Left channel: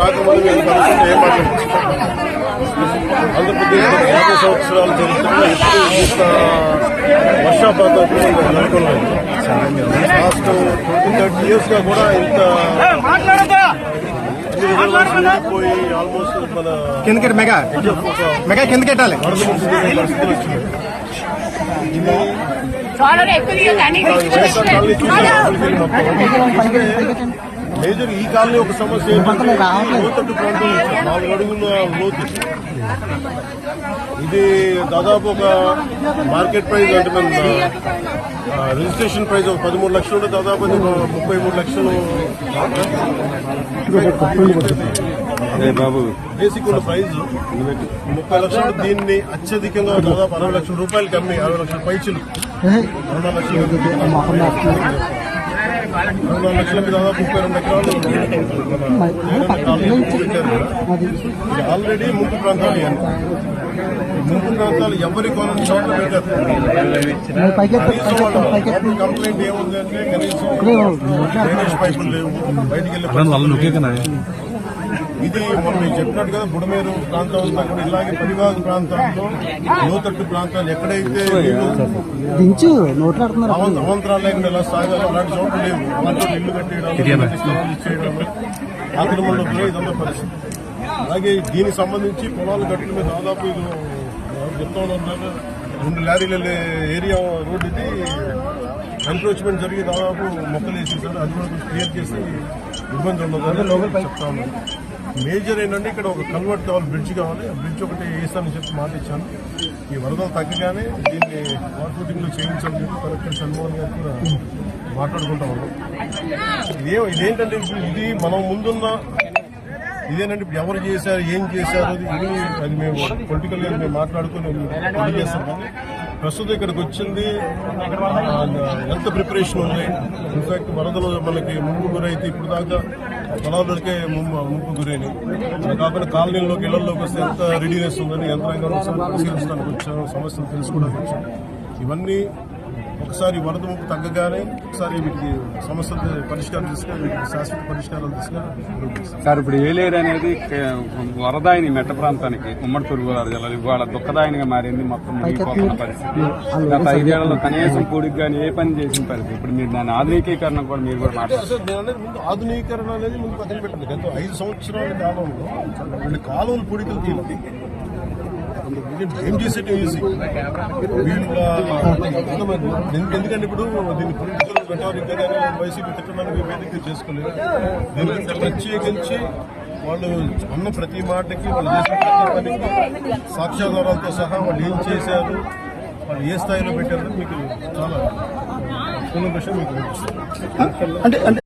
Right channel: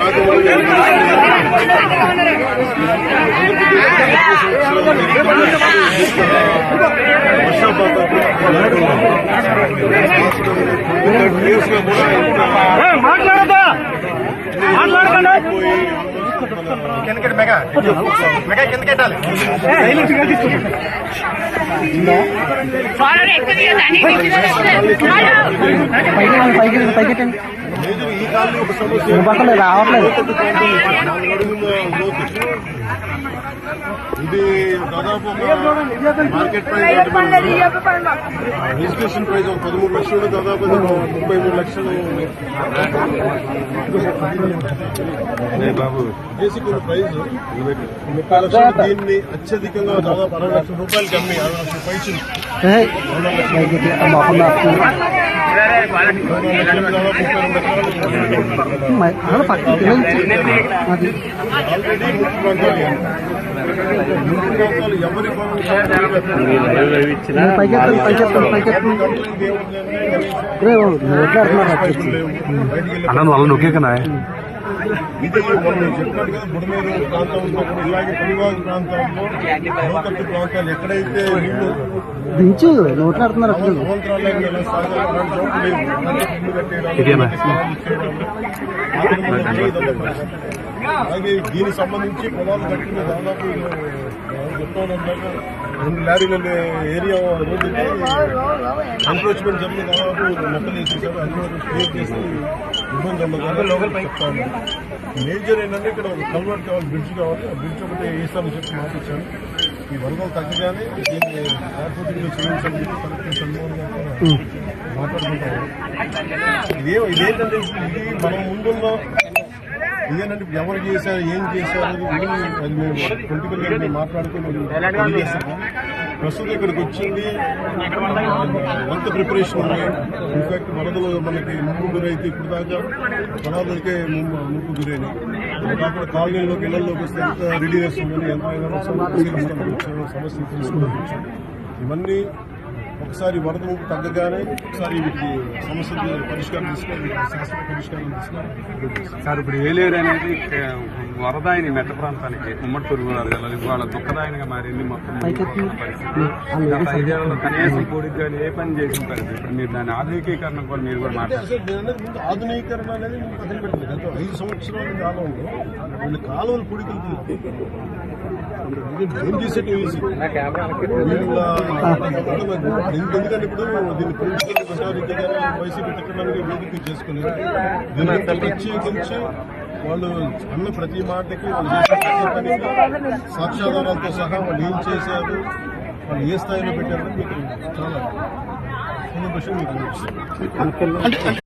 రాజమౌళి ఆంధ్రప్రదేశ్ 50 సంవత్సరాలు వర్షాపాతం ఇయర్స్గా కూడా ఇంత పోయి ఆల్మోస్ట్ మన కిందకి మెగా కిందకెట్టాలి మేజర్ ఈ కాలంలో ఒక సమస్య లోటు ఇది దాదాపు ఒక మార్కెట్ ప్రైస్ అంటే రిజిస్ట్రేషన్ ప్రైస్ ఒక 13 లక్షలు దాదాపు 33 లక్షలు బేసిక్ ఉన్న ప్రైజ్ 30 లక్షలు. దీన్ని అత్యధికంగా దాదాపు 60 లక్షల రూపాయలకి అమ్మి 60 లక్షల పైచులు 60 ఆల్రెడీ ముందు ప్రాంతాలు ఎవరి కంప్లైంట్ ఏముందంటే ఇది మనం చెప్పినట్టు కదా బుడమేరు ప్రాంతం అంతా కూడా ఇలాగే పనివాగు ప్రాంతాల్లో లోతట్టు ప్రాంతాలు ఎక్కడైతే అవంతరాలు లేకుండా చోటు లేవు ఇల్లు కట్టేయడం ఇదంతా పరిస్థితి. అలాగే దీనికి సంబంధించి పొలాలు కట్టిన దాదాపు చెప్తా ఉన్నాక 2 లారీల ఏరియా రోడ్డుకి ఎన్క్రోచ్మెంట్ జరిగి దాదాపు మొక్కలు వేసేసారు. అది కూడా క్లియర్ చేసి ఇబ్బంది ఉండదు చెప్తాను. మేజర్ ఏంటంటే ఇక్కడ ఒక కన్వర్ట్ కావాలి, బ్రిడ్జ్ కావాలి. ఆ బ్రిడ్జ్ ఒకటి వేసామని చెప్పి మాటిచ్చాను. ఈ వరదలు తగ్గగానే దీన్ని ప్రాతినిధ్యం చేయించాలని చెప్పి కలెక్టర్ షణ్మోహన్ గారు కూడా మాట్లాడుకుంటాము. ఇదేంటంటే ఇది మనం ముందున్న ఇదేనంటే ఎవరు చేశారు ఏం చేశారు అది మేము పొలిటికల్గా మేము మాట్లాడుకుని తెలియజేస్తాము. ప్రస్తుతం ఇక్కడికి వచ్చింది వంత ప్రిపరేషన్ ఉంది. ఇన్ఫాక్ట్ వరదలు మనకి ముంపు గురైతే ఇప్పుడు దాకా పొలాలకే ముంపు గురైనాయి. అది కాకుండా కాలనీల్లోకి ఇళ్లలోకి వస్తే ఎంత రెడీనెస్ ఉందని యంత్రాంగాన్ని ఒకసారి పరిశీలించడానికి వచ్చాము, సమస్యను తెలుసుకోవడానికి వచ్చాము. ఇవన్నీ ఒకసారి వరద ముంపు తగ్గగానే ఒకసారి వీటికి సమస్యలు పరిష్కారం తీసుకొని వీటికి శాశ్వత పరిష్కారం తీసుకొని సార్ ఇప్పుడు ఏలేరు అనేది వరదాయిని మెట్ట ప్రాంతానికి ఉమ్మడిపూరు ఇవాళ దుఃఖదాయనిగా మారింది. మొత్తం కనీసం కూడికి కానీ ఏ పని చేసిన పరిస్థితి. ఇప్పుడు మీరు దాని ఆధునికీకరణ మీరు ముందు ఆధునీకరణ అనేది ముందు పక్కన పెట్టింది. గత 5 సంవత్సరాల కాలంలో కొన్ని కాలువలు పూడికలు ఏం చేసేట్టు ఈజీ వీళ్ళ ఎందుకంటే ఇప్పుడు దీన్ని పొలిటికల్ పెట్టాలి వైసీపీ తిట్టడానికి వేదిక చేసుకుని ప్రత్యేకించి వాళ్ళు అన్న ప్రతి మాటకి వాళ్ళు చేసిన ప్రతి పనికి సాక్ష్యాధారాలతో సహా వాళ్ళు ఏం చేశారు, వాళ్ళు ఏ స్థాయిలో పెట్టారని మీకు చాలా విషయం మీకు